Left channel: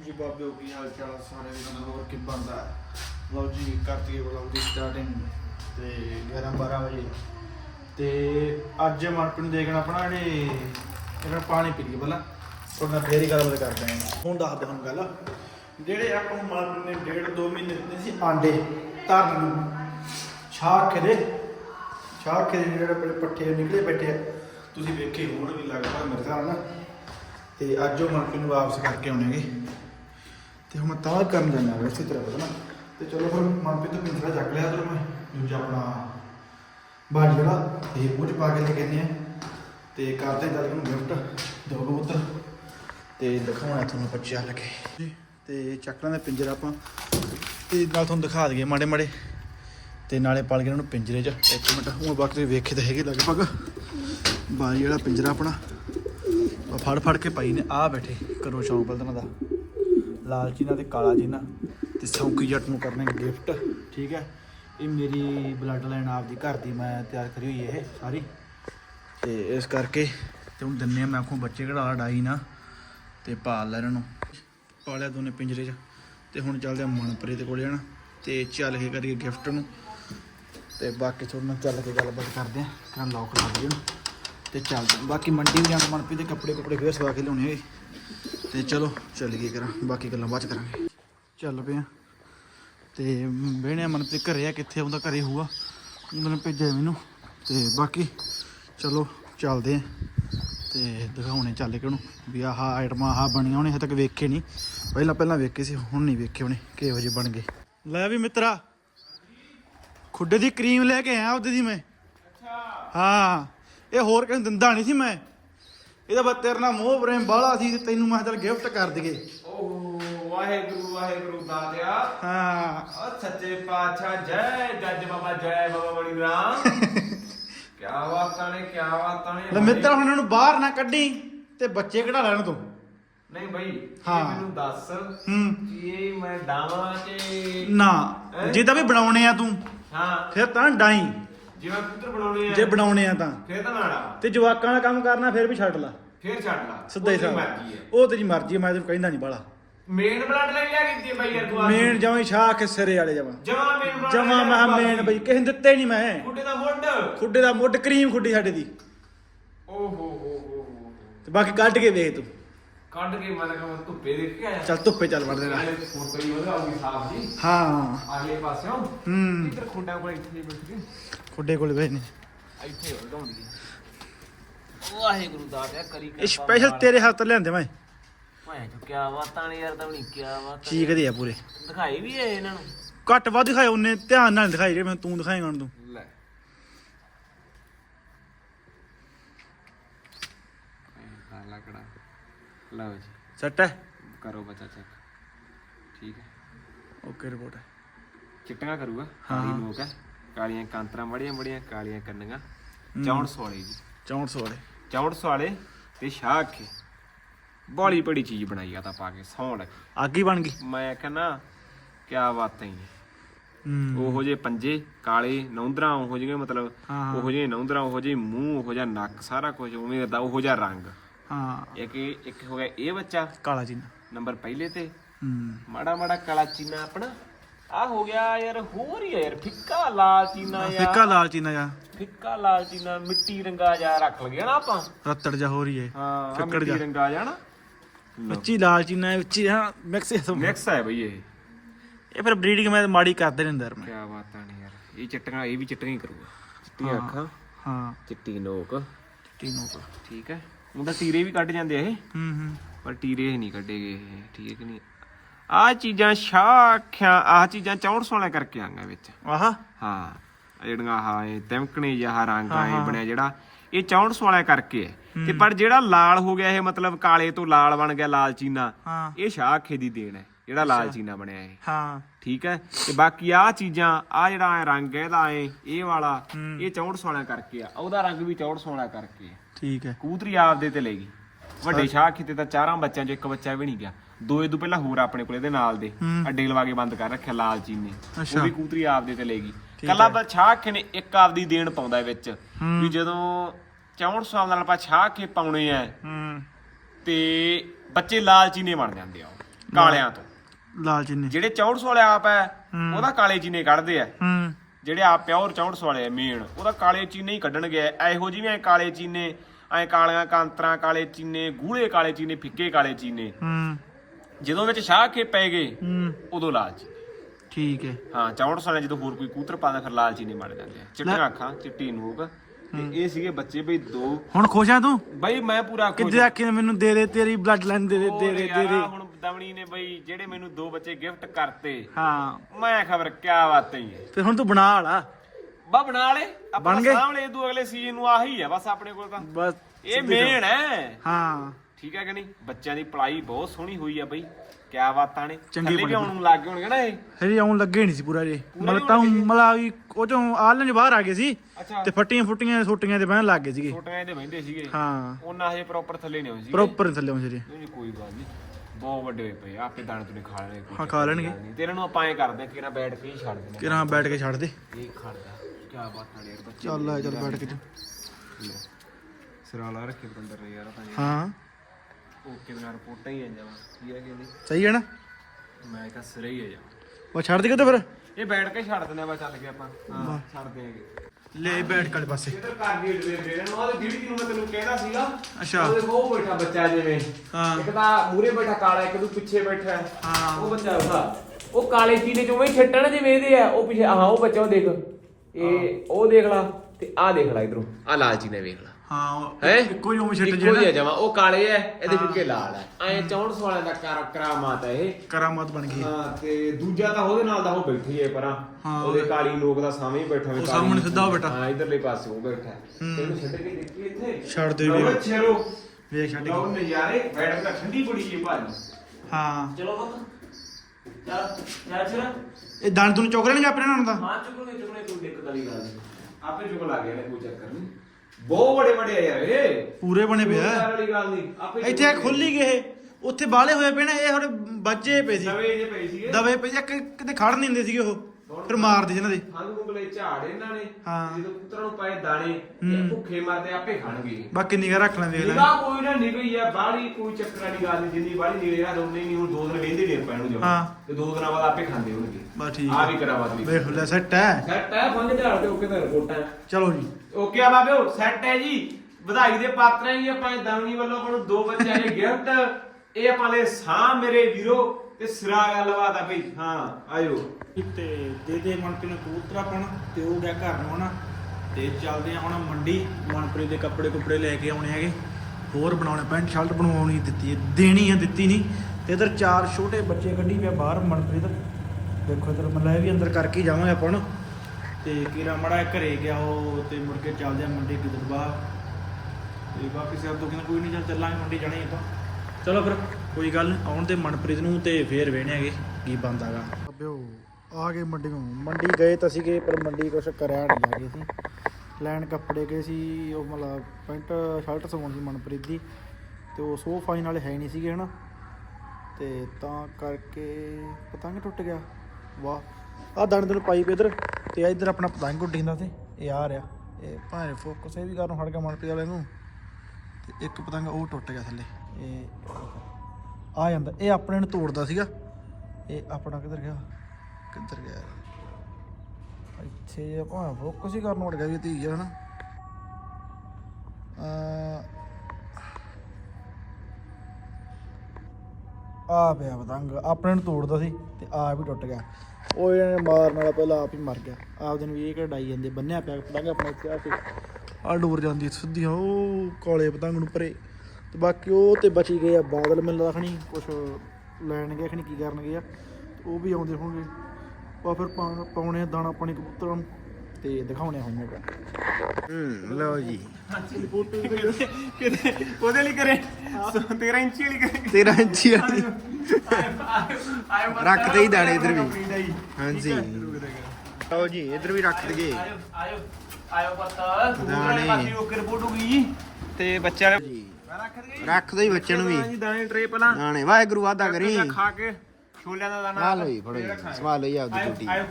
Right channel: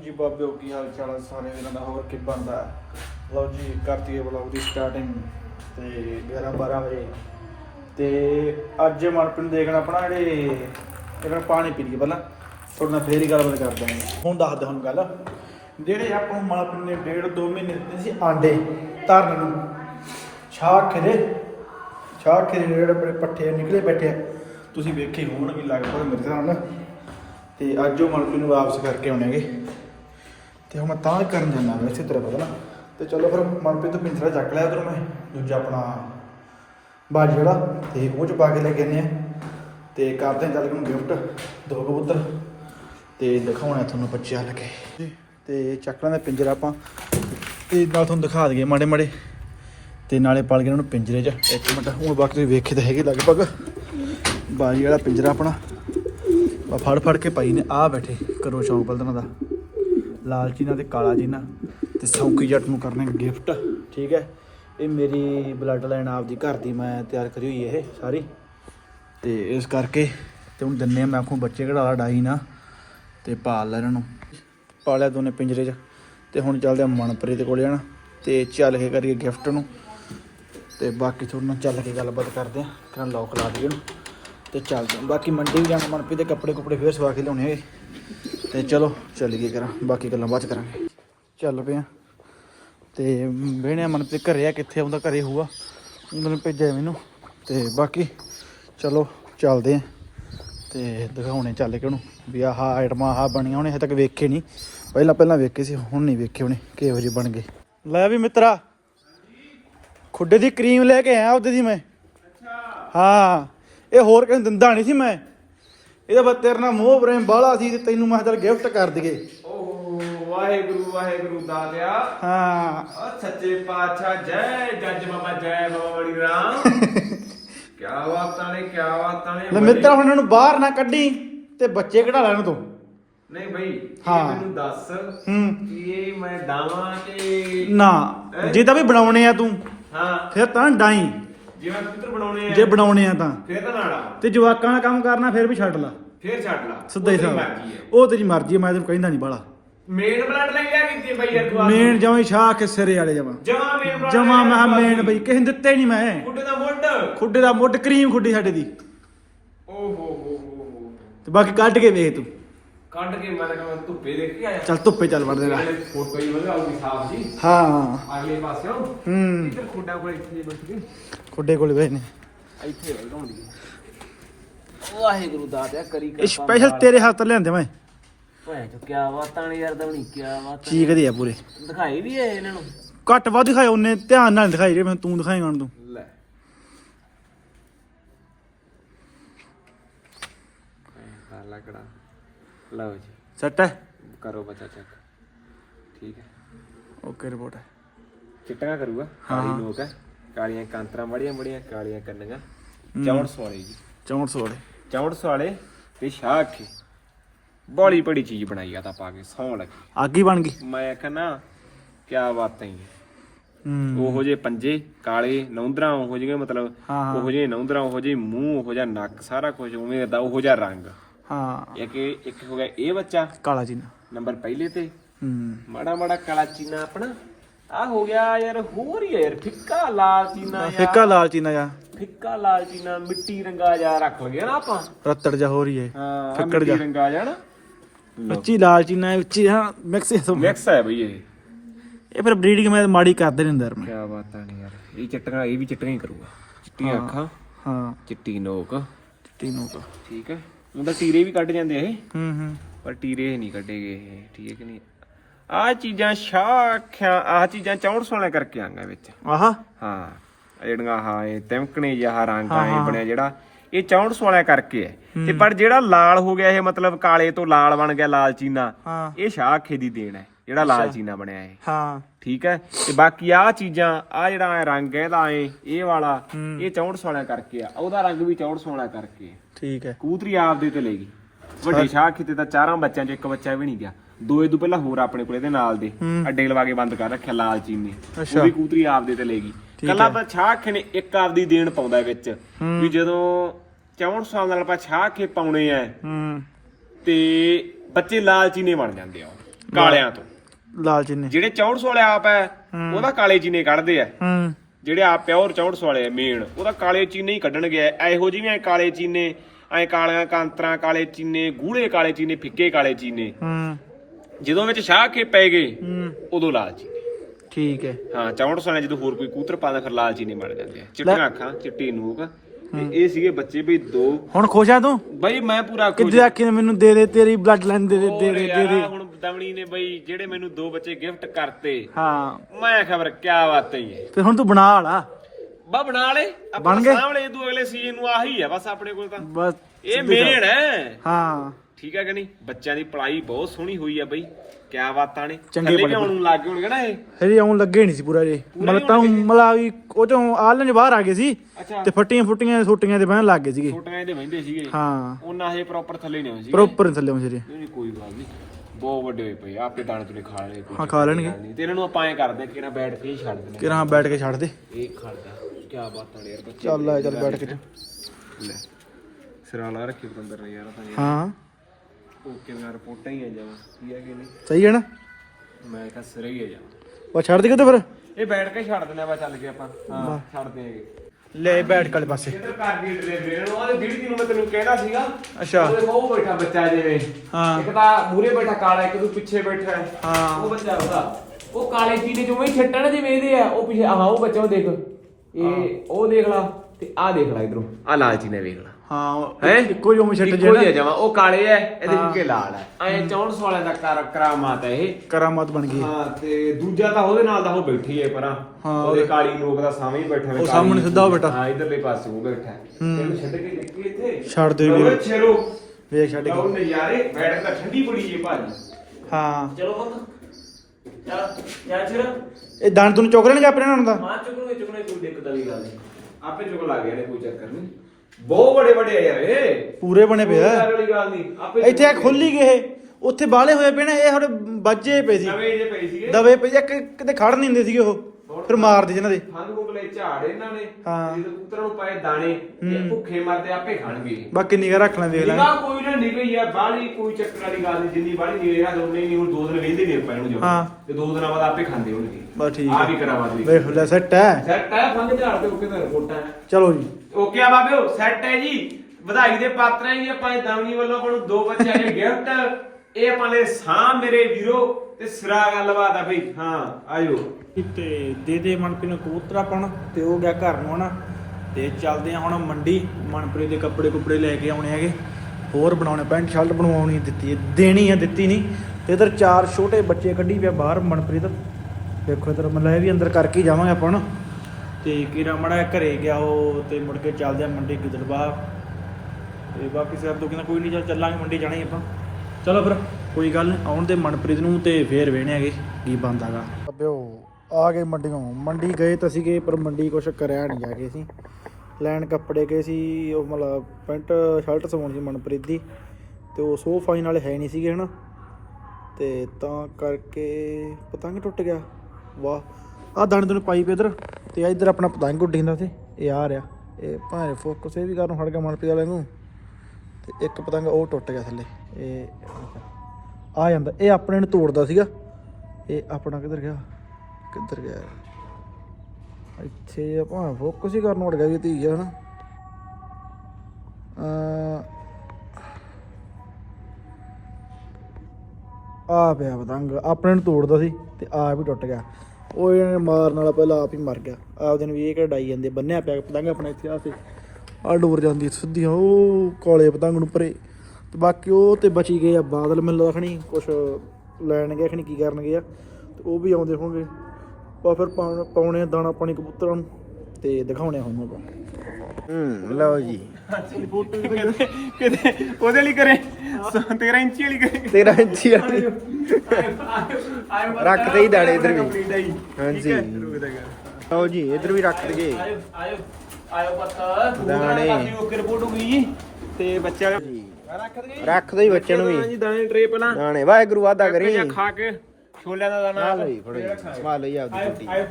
ਜੀ ਬਾਬਿਓ ਕੀ ਹਾਲ ਚਾਲ ਆ ਸਾਰੇ ਵੀਰਾਂ ਦਾ, ਹੋਰ ਕੀ ਬਣਦਾ? ਲਓ ਜੀ ਕਰਤੀ ਹੈ ਵਲੌਗ ਦੀ ਸਟਾਰਟਿੰਗ ਤੇ 11 12 ਵਜੇ। ਤੇ ਅੱਜ ਮਨਪ੍ਰੀਤ ਦੇਖਣਾ ਆਪਣਾ ਜਿਹੜੇ, ਇਹਨਾਂ ਪਾਣੀ ਪੀ ਲਈਏ ਪਹਿਲਾਂ। ਤੁਹਾਡੇ ਨਾਲ ਫੇਰ ਹੀ ਗੱਲਬਾਤ ਕਰਦੇ ਹਾਂ। ਹੁਣ ਦੱਸਦੇ ਹੁਣ ਗੱਲ। ਜਿਹੜੇ ਆਪਾਂ ਨੂੰ ਮਨਪ੍ਰੀਤ ਨੇ ਡੇਢ ਦੋ ਮਹੀਨੇ ਦਿੱਤੇ ਸੀ ਆਂਡੇ ਧਰਨ ਨੂੰ ਸ਼ਾਖ ਦੇ ਸ਼ਾਖ ਦੇ ਜਿਹੜੇ ਆਪਣੇ ਪੱਠੇ ਨਿਕਲੇ ਬੈਠੇ ਆ। ਤੁਸੀਂ ਵੇਖੇ ਹੋਣਗੇ ਲੱਗਦਾ ਮੇਰੇ ਹਿਸਾਬ ਨਾਲ। ਤੇ ਅੱਜ ਉਹ ਮਨਪ੍ਰੀਤ ਨੂੰ ਵਾਪਸ ਕਰਕੇ ਆਉਣਗੇ ਤੇ ਹੁਣ ਮੈਂ ਤਾਂ ਹੀ ਕਰਨ ਜਾਂਦਾ ਵੈਸੇ ਤੇਰਾ ਪਤਾ ਨਾ। ਤੇ ਚਲੋ ਫਿਰ ਮਨਪ੍ਰੀਤ, ਤੋਂ ਪਿੰਸਰਾ ਚੱਕ ਲਿਆ ਤੇ ਮੈਂ, ਦੂਜਾ ਆਪਣਾ ਬਾਜ ਜਿਹੜਾ, ਤੇ ਉਹ ਚ ਪਾ ਕੇ ਲੈ ਕੇ ਆਨੇ ਆ। ਤੇ ਕਰਦੇ ਹਾਂ ਚੱਲ ਗਿਫਟ, ਦੋ ਕਬੂਤਰ। ਤੇ ਦਿਖਾਉਣਾ ਤੁਹਾਨੂੰ ਬੱਚਿਆਂ ਲੱਗੇ। ਤੇ ਚੱਕ ਦਾ ਪਿੰਜਰਾ ਆਪਾਂ। ਤੇ ਨਾਲ ਤੁਹਾਨੂੰ ਦਿਖਾ ਦਈਏ ਮਾੜੇ ਮਾੜੇ। ਤੇ ਨਾਲੇ ਪਲ ਗਏ ਉਹਨਾਂ ਨੂੰ ਪਿੰਜਰੇ 'ਚ। ਇੱਕ ਮਿੰਟ, ਹੁਣ ਬਾਕੀ ਤੁਸੀਂ ਵੇਖੇ ਤਾਂ ਹੈਗੇ ਲਗਭਗ। ਬਾਜੀ ਵਾਲਾ ਪਿੰਜਰਾ ਆਪਣਾ ਆ ਫੜ ਫੜ ਕੇ ਪਾਈ ਨੇ ਆ ਬੈਠੇ ਕਰੋ ਸ਼ੌਂਕ ਬਲਦਣਾ ਦਾ। ਲਾਲ ਚੀਨਾ ਤੇ ਕਾਲਾ ਚੀਨਾ ਤੇ ਸੌਂਕੀ ਜੱਟ ਨੂੰ ਕਰਨੇ ਗਿਫਟ। ਠੀਕ ਹੈ। ਇਹ ਮੇਰੀ ਬਲੱਡ ਲਾਈਨ ਆਪਦੀ ਘਰ ਦੀ ਮੈਂ ਤਿਆਰ ਕਰੀ ਹੋਈ ਇਹ ਸਾਰੀ। ਤੇ ਇਸ ਕਰਕੇ ਤੇ ਹੁਣ ਦਿੰਨੇ ਆ, ਮੈਂ ਆਖੂ ਬੱਚੇ ਘੜਾ ਡਾਈ ਨਾ ਤੇ ਪਾਲ ਲੈ ਇਹਨਾਂ ਨੂੰ। ਪਾਲਿਆ ਦੋਨੇ ਪਿੰਜਰੇ 'ਚ। ਤੇ ਹੁਣ ਚੱਲਦੇ ਆ ਮਨਪ੍ਰੀਤ ਕੋਲ ਜਾਣਾ ਤੇ ਚੱਲ ਕੇ ਕਰੀਏ ਗਿਫਟ ਨੂੰ। ਤੇ ਬਾਕੀ ਤੁਹਾਨੂੰ ਚੱਲ ਕੇ ਗੱਲਬਾਤ ਕਰਦੇ ਆ। ਕਿਹਨਾਂ ਲੋਕ ਲਾ ਦਈਏ ਇਹਨੂੰ। ਤੇ ਚੱਲਦੇ ਬਾਕੀ ਮੰਡੀ ਵੀ ਜਾਣਾ, ਮਨਪ੍ਰੀਤ ਦੇ ਕੱਪੜੇ ਕੁਪੜੇ ਫੇਰ ਸਵਾ ਕੇ ਲਿਆਉਣੇ ਹੈਗੇ ਤੇ ਚਲੋ ਚੱਲੀਏ ਕਰਾਂ ਬਾਕੀ ਗੱਲਾਂ ਬਾਅਦ ਚ ਕਰਾਂਗੇ। ਚੱਲ ਪਏ ਆ। ਤੇ ਵੇਹਣੇ ਮਨਪ੍ਰੀਤ, ਘਰੇ ਆ, ਕਿੱਥੇ ਆਉਂਦਾ ਘਰੇ ਹੋਊਗਾ। ਮੈਨੂੰ ਭੇਜਿਆ ਮੈਨੂੰ। ਤੇ ਬਾਕੀ, ਚਲੋ, ਚੱਲਦੇ ਆ। ਤੇ ਦਿਖਾਉਣੇ ਚੱਲ ਕੇ ਉਹਨੂੰ ਵੀ ਆਹ ਆਈਟਮਾਂ ਆਹ ਬਣੀਆਂ ਉਹਨੇ ਹਜੇ ਤੱਕ ਵੇਖੇ ਨਹੀਂ। ਪਹਿਲਾਂ ਪਹਿਲਾਂ ਵੇਖੇ ਸੀ, ਹੁਣ ਨਹੀਂ ਵੇਖੇ ਉਹਨੇ ਕਿਹੋ ਜਿਹੇ ਬਣ ਗਏ। ਲੈ ਵੀ ਮਿੱਤਰਾ, ਖੁੱਡੇ ਦੀ ਕਰੀਮ ਲੈ ਕੇ ਆਇਆ ਉਹਦੇ ਦੀ ਮੈਂ। ਹਾਂ, ਇਹ ਹੋਰ ਕਿਸੇ ਨੂੰ ਦਿੰਦਾ ਨਹੀਂ ਸੀ ਮੈਂ। ਇਹਦਾ ਬਸ ਤੇਰੇ ਨਾਲ ਮੋਹ ਪ੍ਰੇਮ ਬਾਹਲਾ ਸੀ ਤੇ ਤੈਨੂੰ ਮੈਂ ਚੱਲ ਗਿਫਟ ਕਰ ਦਈਏ। ਓਹ ਵਾਹਿਗੁਰੂ ਵਾਹਿਗੁਰੂ ਦਾਤਿਆ ਹਾਂ। ਆ ਸੱਚੇ ਪਾਤਸ਼ਾਹ ਜੈ ਗੱਜ ਬਾਬਾ ਜੈ ਬਾਬਾ ਬੜੀ ਰਾਮ ਕੀ ਬਾਤਾਂ ਨੇ ਕੀ ਬਾਤਾਂ ਨੇ। ਲੈ ਮਿੱਤਰ ਹੁਣ ਇਹਨਾਂ ਨੂੰ ਬਾਹਰ ਨਾ ਕੱਢੀ ਤੇ ਬੱਚੇ ਕਢਾ ਲੈਣ ਤੂੰ। ਨਹੀਂ ਬਈ ਇਹ ਹਾਂ। ਮੈਨੂੰ ਦੱਸ ਹੂੰ। ਇਹ ਮੈਂ ਡਾਵਾਂ ਕਿ ਨਾ ਜੇ ਤਾਂ ਵੀ ਬਣਾਉਣੇ ਆ ਤੂੰ ਹਾਂ। ਫਿਰ ਤਾਂ ਡਾਈ। ਜਿਵੇਂ ਪੁੱਤਰ ਬਣਾਉਣੇ ਆ ਜੇ ਬਣਾਉਣੇ ਆ ਤਾਂ। ਫੇਰ ਤਾਂ ਨਾ ਤੇ ਜਵਾਕਾਂ ਨਾਲ ਕੰਮ ਕਰਨਾ ਫਿਰ ਵੀ ਛੱਡ ਲਾ। ਫੇਰ ਛੱਡ ਲਾ। ਸਿੱਧਾ ਹੀ ਉਹ ਤੇਰੀ ਸਾਬ ਮਰਜ਼ੀ ਹੈ ਉਹ ਤੇਰੀ ਮਰਜ਼ੀ ਹੈ ਮੈਂ ਤਾਂ ਕਹਿੰਦਾ ਨਹੀਂ ਬਾਲਾ ਮੇਨ ਬਲੱਡ ਲਈ ਲਿਆ ਕੀਤੀ ਬਈ ਯਾਰ ਤੂੰ ਮੇਨ ਜਮਾਂ ਹੀ ਸ਼ਾਹ ਕੇ ਸਿਰੇ ਵਾਲੇ ਜਮਾ। ਜਮਾ ਮੇਨ ਬਲੱਡ ਜਮਾ ਮੈਂ ਮੇਨ ਬਈ ਕਿਸੇ ਨੂੰ ਦਿੱਤੇ ਨਹੀਂ ਮੈਂ। ਕੁੱਡੇ ਦਾ ਮੁੱਢ। ਖੁੱਡੇ ਦਾ ਮੁੱਢ ਕਰੀਮ ਖੁੱਡੀ ਸਾਡੇ ਦੀ। ਓ ਹੋ ਹੋ ਹੋ ਹੋ। ਤੇ ਬਾਕੀ ਕੱਢ ਕੇ ਵੇਖ ਤੂੰ। ਕੱਢ ਕੇ ਮੈਂ ਤਾਂ ਕਹਿੰਦਾ ਧੁੱਪੇ ਦੇਖ ਕੇ ਆਇਆ ਚੱਲ ਧੁੱਪੇ ਚੱਲ ਵੜਦੇ ਰਾ ਫੋਟੋ ਹੀ ਉਹਦਾ ਆਉਗੀ ਸਾਫ਼ ਜੀ ਹਾਂ ਅਗਲੇ ਪਾਸਿਓਂ ਹੂੰ ਇੱਧਰ ਖੁੱਡਾ ਕੋਲ ਇੱਥੇ ਬੈਠ ਕੇ ਖੁੱਡੇ ਕੋਲ ਵੇ ਨੇ ਇੱਥੇ ਵੜਾਉਂਦੀ ਵਾਹਿਗੁਰੂ ਦਾਤਿਆ ਕਰੀ ਇਹ ਸਪੈਸ਼ਲ ਤੇਰੇ ਹੱਥ ਲਿਆਂਦੇ ਮੈਂ ਭੈਣ ਚੋ ਕੀ ਬਾਤਾਂ ਨੇ ਯਾਰ ਦਵਣੀ ਕੀ ਬਾਤਾਂ ਚੀਕਦੇ ਆ ਪੂਰੇ ਦਿਖਾਈ ਵੀ ਹੈ ਇਹਨਾਂ ਨੂੰ ਘੱਟ ਵੱਧ ਦਿਖਾਏ ਉਹਨੇ ਧਿਆਨ ਨਾਲ ਦਿਖਾਈ ਜੇ ਮੈਂ ਤੂੰ ਦਿਖਾਏਗਾ ਹੁਣ ਤੂੰ ਲੈ ਕਰ ਲੱਗੜਾ ਲਓ ਜੀ। ਸੱਟ ਹੈ? ਕਰੋ ਬੱਚਾ ਚੈੱਕ ਠੀਕ ਹੈ। ਓਕੇ ਰਿਪੋਰਟ ਹੈ। ਚਿੱਟੀਆਂ ਕਰੂਗਾ। ਕਾਲੀ ਨੋਕ ਹੈ। ਕਾਲੀਆਂ ਕਾਂਤਰਾਂ ਬੜੀਆਂ ਬੜੀਆਂ ਕਾਲੀਆਂ ਕੰਨੀਆਂ। 64 ਵਾਲੇ ਜੀ। 6400 ਵਾਲੇ 64 ਵਾਲੇ ਤੇ ਸ਼ਾਹ ਅੱਖੀ ਬੜੀ ਚੀਜ਼ ਬਣਾਈ ਆ ਤਾਂ ਪਾ ਕੇ ਸੌਂ ਲੱਗੀ। ਹੀ ਬਣ ਗਈ। ਮੈਂ ਕਹਿੰਦਾ ਕਿਆ ਬਾਤਾਂ ਹੀ ਉਹੋ ਜੇ ਪੰਜੇ ਕਾਲੇ ਨੌਂਦਰਾਂ ਉਹੋ ਜਿਹੇ ਮਤਲਬ। ਉਹੋ ਜਿਹੇ ਨੌਂਦਰਾਂ ਉਹੋ ਜਿਹੇ ਮੂੰਹ ਉਹੋ ਜਿਹਾ ਨੱਕ ਸਾਰਾ ਕੁਝ ਉਵੇਂ ਦਾ ਉਹੋ ਜਿਹਾ ਰੰਗ। ਹਾਂ। ਇੱਕ ਇਹ- ਇੱਕ ਹੋ ਗਿਆ ਇਹ ਬੱਚਾ। ਕਾਲਾ ਜੀ ਨਾ ਨੰਬਰ ਪਹਿਲੇ ਤੇ। ਹੂੰ। ਮਾੜਾ ਮਾੜਾ ਕਾਲਾ ਚੀਨਾ ਆਪਣਾ। ਆ ਹੋ ਗਿਆ ਯਾਰ ਹੋਰ ਹੀ ਆ ਯਾਰ ਫਿੱਕਾ ਲਾਲ ਚੀਨਾ ਯਾਰ। ਫਿੱਕਾ ਲਾਲ ਚੀਨਾ ਜਾ ਫਿੱਕਾ ਲਾਲ ਚੀਨਾ ਮਿੱਟੀ ਰੰਗਾ ਜਾ ਰੱਖ ਲਗੇ ਨਾ ਆਪਾਂ। ਰੱਤੜ ਜਾ ਹੋ ਰਹੀ ਹੈ ਹਾਂ ਆਹ ਮਿੱਟੀ ਰੰਗਾ ਜਾ ਨਾ ਲਾਲ ਚੀਨਾ ਹੈ ਵਿੱਚੀ ਹਾਂ ਮਿਕਸ ਇਹ ਮਿਕਸ ਹੈ ਬਈ ਇਹ। ਇਹ ਫਿਰ ਬਰੀਡਿੰਗ ਮੈਂ ਮਾੜੀ ਕਰਦੇ ਨੇ ਅੰਦਰ ਮੈਂ। ਕਿਆ ਬਾਤਾਂ ਨੇ ਯਾਰ। ਇਹ ਚਿੱਟੀਆਂ ਇਹ ਵੀ ਚਿੱਟੀਆਂ ਹੀ ਕਰੂਗਾ। ਚਿੱਟੀ ਅੱਖਾਂ। ਹਾਂ। ਚਿੱਟੀ ਨੋਕ। ਤੀਨੋਂ ਦਾ ਠੀਕ ਹੈ। ਉਹਦਾ ਟੀਰੇ ਵੀ ਕੱਢ ਜਾਂਦੇ ਆ ਇਹ। ਹੂੰ ਹੂੰ। ਪਰ ਟੀਰੇ ਨਹੀਂ ਕੱਢੇ ਗਏ ਇਹ ਠੀਕ ਹੈ ਕਿ ਨਹੀਂ? ਆਹ ਚੀਜ਼ਾਂ ਸ਼ਾਖਿਆਂ ਆਹ ਚੀਜ਼ਾਂ 64 ਸੋਲੇ ਕਰਕੇ ਆਂਗਾ ਵਿੱਚ। ਆਹਾ। ਹਾਂ ਆਹ ਜਿਹੜੀਆਂ ਆਹ ਇਹ ਤਿਮਕਣੇ ਜਿਹਾ ਰੰਗ ਹਾਂ, ਆਏ ਹਾਂ। ਬਣਿਆ ਜਿਹੜਾ ਇਹ 64 ਸੋਲੇ ਕਰਕੇ ਹੈ। ਤੇ ਪਰ ਜਿਹੜਾ ਲਾਲ ਹੋ ਗਿਆ ਇਹ ਮਤਲਬ ਕਾਲੇ ਤੋਂ ਲਾਲ ਬਣ ਗਿਆ ਲਾਲ ਚੀਨਾ ਹਾਂ। ਇਹ ਸ਼ਾਖੇ ਦੀ ਦੇਣ ਹੈ ਜਿਹੜਾ ਲਾਲ ਚੀਨਾ ਬਣਿਆ ਇਹ। ਹਾਂ। ਠੀਕ ਹੈ? ਤੇ ਬਾਕੀ ਆਹ ਚੀਜ਼ਾਂ ਆ ਜਿਹੜਾ ਇਹ ਰੰਗ ਹੈ ਇਹਦਾ ਐ ਇਹ ਵਾਲਾ। ਇਹ 64 ਸੋਲਾ ਕਰਕੇ ਆ ਉਹਦਾ ਰੰਗ ਵੀ 64 ਸੋਲਾ ਕਰਕੇ ਹੈ ਠੀਕ ਹੈ ਕੂਤਰੀ ਆਪਦੇ ਤੇ ਲੈ ਗਈ ਵੱਡੇ ਸ਼ਾਹ ਖਿੱਤੇ ਤਾਂ ਚਾਰਾਂ ਬੱਚਿਆਂ 'ਚ ਇੱਕ ਬੱਚਾ ਵੀ ਨਹੀਂ ਗਿਆ ਦੋ ਤੋਂ ਪਹਿਲਾਂ ਹੋਰ ਆਪਣੇ ਕੋਲ ਇਹਦੇ ਨਾਲ ਦੇ। ਅੱਡੇ ਲਵਾ ਕੇ ਬੰਦ ਕਰ ਰੱਖਿਆ ਲਾਲ ਚੀਨ ਨੇ। ਉਹ ਵੀ ਕੂਤਰੀ ਆਪਦੇ ਤੇ ਲੈ ਗਈ ਕੱਲਾ। ਤਾਂ ਛਾਖ ਨੇ ਇੱਕ ਆਪਦੀ ਦੇਣ ਪਾਉਂਦਾ ਵਿੱਚ। ਵੀ ਜਦੋਂ 64 ਸਾਲ ਨਾਲ ਆਪਾਂ ਛਾਖ ਕੇ ਪਾਉਣੇ ਆ ਤੇ ਬੱਚੇ ਲਾਲ ਚੀਨੇ ਬਣ ਜਾਂਦੇ ਆ। ਕਾਲਿਆਂ ਤੋਂ ਲਾਲ ਚੀਨੇ ਜਿਹੜੇ 64 ਵਾਲੇ ਆਪ ਹੈ ਹੂੰ। ਉਹਦਾ ਕਾਲੇ ਚੀਨੇ ਕੱਢਦੇ ਆ ਹੂੰ ਜਿਹੜੇ ਆਪ ਪਿਓਰ 64 ਵਾਲੇ ਆ ਮੇਨ ਉਹਦਾ ਕਾਲੇ ਚੀਨੇ ਹੀ ਕੱਢਣ ਗਿਆ। ਇਹੋ ਜਿਹੀਆਂ ਕਾਲੇ ਚੀਨੇ ਐ ਕਾਲੀਆਂ ਕਾਂਤਰਾਂ ਕਾਲੇ ਚੀਨੇ ਗੂੜੇ ਕਾਲੇ ਚੀਨੇ ਫਿੱਕੇ ਕਾਲੇ ਚੀਨੇ। ਹੂੰ। ਜਦੋਂ ਵਿੱਚ ਸ਼ਾਹ ਕੇ ਪੈ ਗਏ ਹੂੰ। ਉਦੋਂ ਲਾਲ ਚੀਨੇ ਠੀਕ ਹੈ। ਹਾਂ 64 ਵਾਲੇ ਜਦੋਂ ਹੋਰ ਕੋਈ ਕੂਤਰ ਪਾਉਂਦਾ ਫਿਰ ਲਾਲ ਚੀਨੇ ਬਣ ਜਾਂਦੇ। ਆ ਚਿੱਟੀਆਂ ਅੱਖਾਂ ਚਿੱਟੀ ਨੂਕ। ਇਹ ਸੀਗੇ ਬੱਚੇ ਬਈ ਦੋ। ਹੁਣ ਖੁਸ਼ ਆ ਤੂੰ? ਬਈ ਮੈਂ ਪੂਰਾ ਖੁਸ਼ ਕਿੱਦੇ ਆਖੀ ਨੇ ਮੈਨੂੰ ਦੇ ਦੇ ਤੇਰੀ ਬਲੱਡ ਲਾਈਨ ਦੇ ਦੇ ਦੇ ਹੋਰ ਦੇ ਦੇ ਯਾਰ, ਦੇ। ਹੁਣ ਦਮਣੀ ਨੇ ਬਈ ਜਿਹੜੇ ਮੈਨੂੰ ਦੋ ਬੱਚੇ ਗਿਫਟ ਕਰਤੇ ਹਾਂ। ਮੈਂ ਖਬਰ ਕਿਆ ਬਾਤ ਹੈ ਤੇ ਹੁਣ ਤੂੰ ਬਣਾ ਲਾ ਬਾ ਬਣਾ ਲੈ ਬਣ ਗਏ? ਸਾਹਮਣੇ ਦੂ ਅਗਲੇ ਸੀਜ਼ਨ ਨੂੰ ਆਹੀ ਹੈ ਬਸ ਆਪਣੇ ਕੋਲ ਤਾਂ। ਬਸ ਇਹ ਮੇਨ ਹੈ। ਹਾਂ। ਠੀਕ ਹੈ ਕਿ ਨਹੀਂ? ਬੱਚਿਆਂ ਦੀ ਪੜਾਈ ਬਹੁਤ ਸੋਹਣੀ ਹੋਈ ਆ ਬਈ। ਕਿਆ ਬਾਤਾਂ ਨੇ? ਚੰਗੇ ਪੜ੍ਹੇ ਆਉਣ ਨੂੰ ਲੱਗ ਗਏ ਹੋਣਗੇ ਨਾ ਇਹ? ਹਜੇ ਆਉਣ ਲੱਗੇ ਨਹੀਂ ਸੀ ਪੂਰਾ ਜੇ ਮਤਲਬ ਤਾਂ ਮਤਲਬ ਵੀ ਉਹ ਚੋਂ ਆਲਣ ਬਾਹਰ ਆ ਗਏ ਸੀ ਤੇ ਫੱਟੀਆਂ ਫੁੱਟੀਆਂ ਛੋਟੀਆਂ ਤੇ ਬਹਿਣ ਲੱਗ ਗਏ ਸੀਗੇ। ਛੋਟੀਆਂ ਇਹਦੇ ਵਹਿੰਦੇ ਸੀਗੇ। ਹਾਂ। ਉਹਨਾਂ ਹਜੇ ਪ੍ਰੋਪਰ ਥੱਲੇ ਨਹੀਂ ਹੋਏ ਸੀ ਪ੍ਰੋਪਰ ਥੱਲੇ ਮਜਰੇ ਨਹੀਂ ਕੋਈ ਗੱਲ ਨਹੀਂ। ਬਹੁਤ ਵੱਡੇ ਹੋਏ ਪਏ ਆਪੇ ਦਾਣੇ ਤੁਨੇ ਖਾ ਕੋਈ ਹਾਂ, ਖਾ ਲੈਣਗੇ। ਤੇ ਇਹਨਾਂ ਨੂੰ ਆਪਾਂ ਐ ਕਰਦੇ ਆ ਕਿ ਇਹਨਾਂ ਬੈਠ ਕੇ ਹੀ ਛੱਡ ਦੇਣਾ ਕਿ ਹਾਂ ਬੈਠ ਕੇ ਛੱਡ ਦੇ ਇਹ ਖੜਦਾ ਕਿਆ ਬਾਤਾਂ ਨੇ ਯਾਰ ਬੱਚੇ ਚੱਲ ਆ ਚੱਲ ਬੈਠ ਕੇ। ਲੈ ਸਿਰਾ ਲਾ ਰੱਖੀ ਬੰਦਰ ਨੇ ਯਾਰ ਤਾਂ ਹਾਂ। ਓਕੇ ਮੈਂ ਰਿਪੋਰਟਾਂ ਹੀ ਆ ਜਾਵਾਂ। ਕੀ ਹੈ ਕਿ ਨਹੀਂ? ਸਹੀ ਹੈ ਨਾ? ਮੈਂ ਕਿਹਾ ਸਿਰਾ ਹੀ ਆ ਜਾਵਾਂ। ਉਹ ਛੱਡ ਦੇ ਕਿਤੇ ਫਿਰ? ਇਹ ਬੈਠ ਕੇ ਛੱਡ ਦਿੰਦੇ ਆ ਚੱਲ ਕੇ ਆਪਾਂ। ਹਾਂ ਛੱਡ ਦੇਗੇ ਲੈ ਬੈਠ ਕਾਲੇ ਪਾਸੇ। ਇੱਧਰ ਦੀ ਡਿਲੀਵਰੀ ਨੂੰ ਉਹਦੇ ਜਿਹੜੀ ਜਿਹਨੂੰ ਮੈਂ ਤੈਨੂੰ ਕਹਿਣਾ ਸੀਗਾ ਅੱਛਾ। ਉਹ ਦੇਖੋ ਉਹ ਬੈਠਾ ਬੱਚਾ ਜਿਵੇਂ। ਹਾਂ। ਇੱਕ ਤਾਂ ਮੂਰੇ ਬੈਠਾ ਕਾਲਾ ਇੱਕ ਤੋਂ ਪਿੱਛੇ ਬੈਠਾ ਹੈ। ਹਾਂ। ਉਹ ਬੱਚਾ ਉਹਦਾ। ਉਹ ਕਾਲੇ ਚੀਨੇ ਜੋ ਹੀ ਛੱਟਣ ਜਿਵੇਂ ਇਹਦੇ ਆ। ਉਹ ਪਿੱਛੇ ਹਾਂ ਉਹ ਬੱਚਾ ਉਹ ਦੇਖ। ਇਹ ਉਹ ਦੇਖ ਲਾ ਤੇ ਆਹ ਦੇਖ ਲਾ ਇਧਰੋਂ। ਆ ਲਾਲ ਚੀਨੇ ਵੇਖ ਲਾ। ਹਾਂ ਹੈਂ? ਇੱਕੋ ਹੀ ਛੱਡ ਜੇ ਨਾ। ਜਮਾ ਉਹ ਕਾਲੇ ਐ ਇਹਦੇ ਹਾਂ। ਵਿੱਚ ਲਾਲ ਐ ਐ 64 ਵਾਲੇ ਦਾ ਕਰ ਕਰਾਮਾਤ ਹੈ ਇਹ। ਕਰਾਮਾਤ ਬਣ ਗਈ। ਹਾਂ ਤੇ ਦੂਜਾ ਤਾਂ ਉਹਦੇ ਨਾਲ ਦਾ ਉਹ ਬੈਠੀ ਹੈ ਪਰਾਂ ਹਾਂ, ਉਹਦੇ ਉਹਦੇ- ਕਾਲੀ ਲੋਕ ਦਾ ਸਾਹਮਣੇ ਹੀ ਬੈਠਾ ਹੋਇਆ ਉਹ ਸਾਹਮਣੇ ਸਿੱਧਾ ਉਹ ਬੈਠਾ। ਹਾਂ ਇਧਰਲੇ ਪਾਸੇ ਉਹ ਬੈਠਾ। ਹੈ। ਹੂੰ। ਤੈਨੂੰ ਛੱਡ ਕੇ ਲੱਗੀ ਇੱਥੇ। ਛੱਡ ਦੇ ਲਓ ਵੀਰ। ਵੇਖ ਛੱਡ ਲਓ ਕੇ। ਨਜ਼ਾਰੇ ਬੈਠ ਕੇ ਠੰਡੀ ਬੜੀ ਜੀ ਭਾਜੀ। ਹਾਂ। ਚਲੋ ਪੁੱਤ। ਜਾ ਜਾ ਚਿਰਾ ਇਹ ਦੰਦ ਨੂੰ ਚੁੱਕ ਲੈਣਗੇ ਆਪਣੇ ਨਾਲ ਦਾ? ਹਾਂ ਚੁਗਣੇ ਚੁਗਣੇ ਕੋਈ ਦਿੱਕਤ ਵਾਲੀ ਗੱਲ ਨਹੀਂ। ਆਪੇ ਚੁਗ ਲੱਗ ਗਏ ਨੇ ਕੋਈ ਚੱਕਰ ਨਹੀਂ। ਬਹੁਤ ਬੜੇ ਬੜੇ ਆ ਯਾਰ ਇਹ। ਪੂਰੇ ਬਣੇ ਪਏ ਆ। ਵਾਲੀ ਗੱਲ ਨਹੀਂ ਆਪੇ ਇੱਥੇ ਆ ਖੁੱਲੀ ਗਏ ਉੱਥੇ ਬਾਲੇ ਹੋਏ ਪਏ ਨੇ ਇਹ ਥੋੜੇ ਵੱਜੇ ਪਏ ਸੀ। ਨਵੇਂ ਜੇ ਪਏ ਸੀਗੇ। ਦਵੇ ਪਏ ਕਿਤੇ ਖੜ ਨਹੀਂ ਹੁੰਦੇ ਸੀਗੇ ਉਹ। ਫਿਰ ਮਾਰਦੇ ਜਿਹਨਾਂ ਦੇ। ਫੰਗ ਮੁਗਲੇ ਝਾੜ ਇਹਨਾਂ ਨੇ। ਹਾਂ। ਜਦੋਂ ਪੁੱਤਰਾਂ ਨੂੰ ਪਏ ਦਾਣੇ ਤੇ ਭੁੱਖੇ ਮਰਦੇ ਆਪੇ ਖਾਣਗੇ ਬਾਕੀ ਨਿਗਾ ਰੱਖ ਲੈਂਦੇ ਵੇਖ ਨਿਗਾਹ ਕੋਈ ਨਾ ਨਿਗਈ ਆ ਬਾਲੀ ਕੋਈ ਚੱਕਰ ਵਾਲੀ ਗੱਲ ਨਹੀਂ ਜਿੰਨੀ ਬਾਲੀ ਨਿਗਰੇ ਆ ਦੋਨੇ ਨਹੀਂ ਹੁਣ ਦੋ ਦਿਨ ਵੇਂਦੇ ਨੇ ਪੈਣ ਨੂੰ ਜਦੋਂ ਹਾਂ। ਤੇ ਦੋ ਦਿਨਾਂ ਬਾਅਦ ਆਪੇ ਖਾਂਦੇ ਹੋਣਗੇ। ਬਸ ਠੀਕ ਆ। ਹੈ ਵੀ ਕਰਾਂ ਬਾਦ ਵੀ ਵੇਖ ਲੈ ਸੈੱਟ ਹੈ। ਸੈੱਟ ਹੈ ਫੰਗ ਝਾੜ ਤੇ ਓਕੇ ਤਾਂ ਰਿਪੋਰਟਾਂ ਹੈ। ਚਲੋ ਜੀ। ਓਕੇ ਆ ਬਾਬਿਓ ਸੈੱਟ ਹੈ ਜੀ। ਵਧਾਈ ਦੇ ਪਾਤਰ ਹੈ ਜੀ ਆਪਾਂ ਦਾਮਨੀ ਵੱਲੋਂ ਆਪਾਂ ਨੂੰ ਦੋ ਬੱਚਿਆਂ ਦੇ ਗਿਫਟ ਇਹ ਆਪਾਂ ਲੈ ਸਾਂ ਮੇਰੇ ਵੀਰੋ। ਤੇ ਸਿਰਾ ਗੱਲਬਾਤ ਆ ਬਈ। ਹਾਂ, ਆਇਓ। ਤੇ ਦੇ ਦੇ ਮਨਪ੍ਰੀਤ ਨੂੰ ਕਬੂਤਰ ਆਪਣ ਤੇ ਉਹ ਗਿਆ ਘਰ ਨੂੰ ਹਨਾ। ਤੇ ਚੱਲਦੇ ਆ ਹੁਣ ਮੰਡੀ। ਮਨਪ੍ਰੀਤ ਦੇ ਕੱਪੜੇ ਕੁਪੜੇ ਲੈ ਕੇ ਆਉਣੇ ਹੈਗੇ। ਹੋਰ ਬਣਾਉਣੇ, ਪੈਂਟ, ਸ਼ਰਟ ਬਣਵਾਉਣੀ ਦਿੱਤੀ ਹੈ। ਦੇਣੀ ਹੈ, ਦਿੱਤੀ ਨਹੀਂ। ਤੇ ਇਧਰ ਚਾਰ ਛੋਟੇ ਬੱਚੇ ਕੱਢੀ ਪਿਆ ਬਾਹਰ ਮਨਪ੍ਰੀਤ। ਦੇਖੋ ਇਧਰ ਮਤਲਬ ਵੀ ਅੰਦਰ ਕਰਕੇ ਜਾਵਾਂਗੇ ਆਪਾਂ ਹੁਣ। ਤੇ ਕੀਰਾ ਮੜਾ ਘਰੇ ਗਿਆ ਉਹ, ਤੇ ਮੁੜ ਕੇ ਚੱਲਦੇ ਆ ਮੰਡੀ ਗਿੱਦੜਬਾਹ। ਤੇ ਬਾਕੀ ਸਿਰ ਤੋਂ ਕਹਿੰਦਾ ਕੋਈ ਨਹੀਂ ਚੱਲਾਂਗੇ ਮੰਡੀ ਜਾਣਾ ਹੀ ਆਪਾਂ। ਚਲੋ ਫਿਰ, ਕੋਈ ਗੱਲ ਨਹੀਂ ਆਉਣ ਦੇ ਮਨਪ੍ਰੀਤ ਨੂੰ ਤੇ ਫੇਰ ਵੇਹਣੇ ਹੈਗੇ ਕੀ ਬੰਦਾਗਾ ਅੱਬਿਓ, ਆ ਗਏ ਮੰਡੀੋਂ ਮੰਡੀ ਗਏ ਤਾਂ ਸੀਗੇ, ਪਰ ਮੰਡੀ ਕੁਛ ਕਰਿਆ ਨਹੀਂ ਜਾ ਕੇ ਸੀ। ਲੈਣ ਕੱਪੜੇ ਗਏ ਸੀ, ਉਹ ਮਤਲਬ ਪੈਂਟ, ਸ਼ਰਟ ਸਵਾਉਣ ਸੀ ਮਨਪ੍ਰੀਤ ਦੀ। ਤੇ ਉਹ ਸੋਫਾ ਨਾਲ ਹੈ ਨਹੀਂ ਸੀਗੇ ਹਨਾ। ਤੇ ਤਾਂ ਕਰਕੇ ਪਤੰਗ ਟੁੱਟ ਗਿਆ। ਵਾਹ ਆ ਦਾਣੇ ਤੋਂ ਪਾਈ ਪਈ ਇਧਰ। ਤੇ ਆ ਇਧਰ ਆਪਣਾ ਪਤੰਗ ਉੱਡੀ ਜਾਂਦਾ ਸੀ। ਇਹ ਆ ਰਿਹਾ। ਇਹ ਭਾਵੇਂ ਫੋਕਸ ਇਹ ਵੀ ਕਰਨ ਫੜ ਗਿਆ ਮਨਪ੍ਰੀਤ ਵਾਲੇ ਨੂੰ। ਤੇ ਇੱਕ ਪਤੰਗ ਉਹ ਟੁੱਟ ਗਿਆ ਥੱਲੇ। ਇਹ ਆ ਜਾਂਦਾ। ਇਹ ਆਪਣੇ ਨੂੰ ਤੋੜਦਾ ਸੀਗਾ। ਇਹ ਆਪਣਾ ਕਿੱਧਰ ਗਿਆ? ਕਿੱਧਰ ਗਿਆ? ਇੱਥੇ ਆਪਾਂ ਫੋਕਸ ਹੀ ਕਰਨ ਉੱਡ ਗਿਆ ਵੀ ਧੀ ਹੈ ਹਨਾ? ਆ ਪਿਆ ਪਤੰਗ। ਆਪਣੇ ਨੂੰ ਤੋੜਦਾ ਸੀ ਤੇ ਆਪ ਹੀ ਟੁੱਟ ਗਿਆ। ਉਹ ਇਹਨੇ ਮਾਰਨ ਵਾਲਾ ਪਹਿਲਾਂ ਆਪ ਹੀ ਮਰ ਗਿਆ। ਆਪ ਦਿਨ ਵੀ ਇਹ ਕਢਾਈ ਜਾਂਦੇ, ਬੰਨਿਆ ਪਿਆ ਪਤੰਗ ਆਪਣੇ ਇੱਥੇ ਆ ਕੇ। ਆ ਡੋਰ ਜਾਂਦੀ ਸਿੱਧੀਆਂ ਉਹ ਕਾਲੇ ਪਤੰਗ ਨੂੰ ਪਰੇ। ਤੇ ਬਾਕੀ ਉਹ ਤੇ ਬਚੀ ਗਏ ਆ ਬਾਦਲ ਮੈਨੂੰ ਲੱਗਣੀ ਕੁਛ ਲੈਣ ਗਏ ਖਣੀ ਕੀ ਕਰਨਗੇ ਆ ਉਹ ਵੀ ਆਉਂਦੇ ਹੋਣਗੇ। ਉਹ ਫਿਰ ਪਾਉਣੇ ਆ ਦਾਣਾ ਪਾਣੀ ਕਬੂਤਰਾਂ ਨੂੰ ਤੇ ਦਿਖਾਉਣੇ ਹੋਣਗੇ ਹੂੰ ਲਓ ਜੀ। ਕਿਤੇ ਕਿਤੇ ਉਹਦੇ ਲਈ ਕਰੇ 13 ਇੰਚੀ ਵਾਲੀ ਕਰੇ। 13 ਇੰਚੀ ਵਾਲੀ। ਰੱਖਦੇ ਹੀ ਦਾਣੇ ਇੱਧਰ ਵੀ। ਹਾਂਜੀ। ਲਓ ਜੀ ਇੱਧਰ ਵੀ ਰੱਖ ਦਈਏ। ਆਇਓ ਆਇਓ ਆਇਓ ਪੱਤਾ। ਦਾਣੇ। ਓਕੇ ਰਿਪੋਰਟ ਹੋ ਗਈ। ਜੀ ਤੇ ਬੱਚਿਆਂ ਜੀ। ਰੱਖ ਦੇ ਬੱਚਿਆਂ ਨੂੰ ਵੀ ਦਾਣੇ ਟਰੇ ਪਹਿਲਾਂ ਦਾਣੇ ਵਾਹਿਗੁਰੂ ਵਾਦਾ ਕਰੀ ਖਾ ਕੇ ਛੋਲਿਆਂ ਦਾ ਦਾਣਾ ਆ ਲਓ ਜੀ ਫੜੋ ਲਓ ਜੀ ਆਪਦੀ ਆਇਓ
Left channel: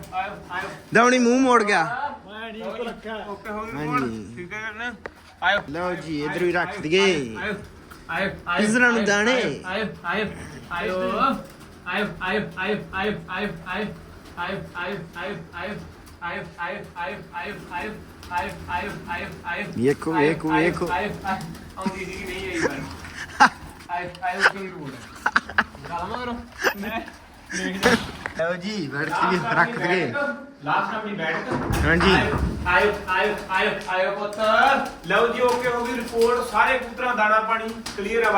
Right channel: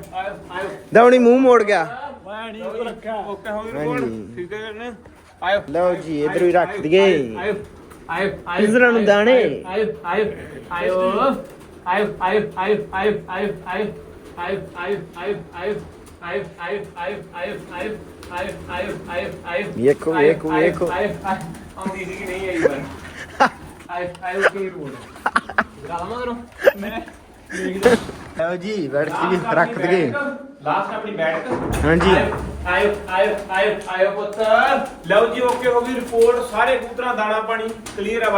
ਦਵਣੀ ਮੂੰਹ ਮੋੜ ਗਿਆ ਓਕੇ ਹੋ ਗਈ ਠੀਕ ਹੈ ਨਾ ਆਇਓ ਲਓ ਜੀ ਇੱਧਰ ਵੀ ਰੱਖ ਦਈਏ ਆਇਓ ਨੂੰ ਦਾਣੇ। ਆਇਓ ਆਇਓ ਆਇਓ ਆਇਓ ਆਇਓ ਆਇਓ ਆਇਓ ਆਇਓ ਆਇਓ ਆਇਓ ਆਇਓ ਵੇਖੋ ਵੇਖੋ ਵੇਖੋ ਆਉਂਦੀ ਸੀ ਕਿ ਨਹੀਂ ਆਈ ਵਾਰ ਆਈ ਆਈ ਕੀ ਰੋਡ ਗਾਣਾ ਕਰੋ ਮੇਰੇ ਲਓ ਜੀ ਬੈਠ ਕੇ ਰੱਖ ਦਈਏ ਲਾਸਟ ਆਪਣੀ ਬੈਠਕ ਹਾਂਜੀ ਆਇਓ ਆਇਓ ਆਇਓ ਆਇਓ ਪੁੱਤ ਲਓ ਕਲੀਅਰ ਆ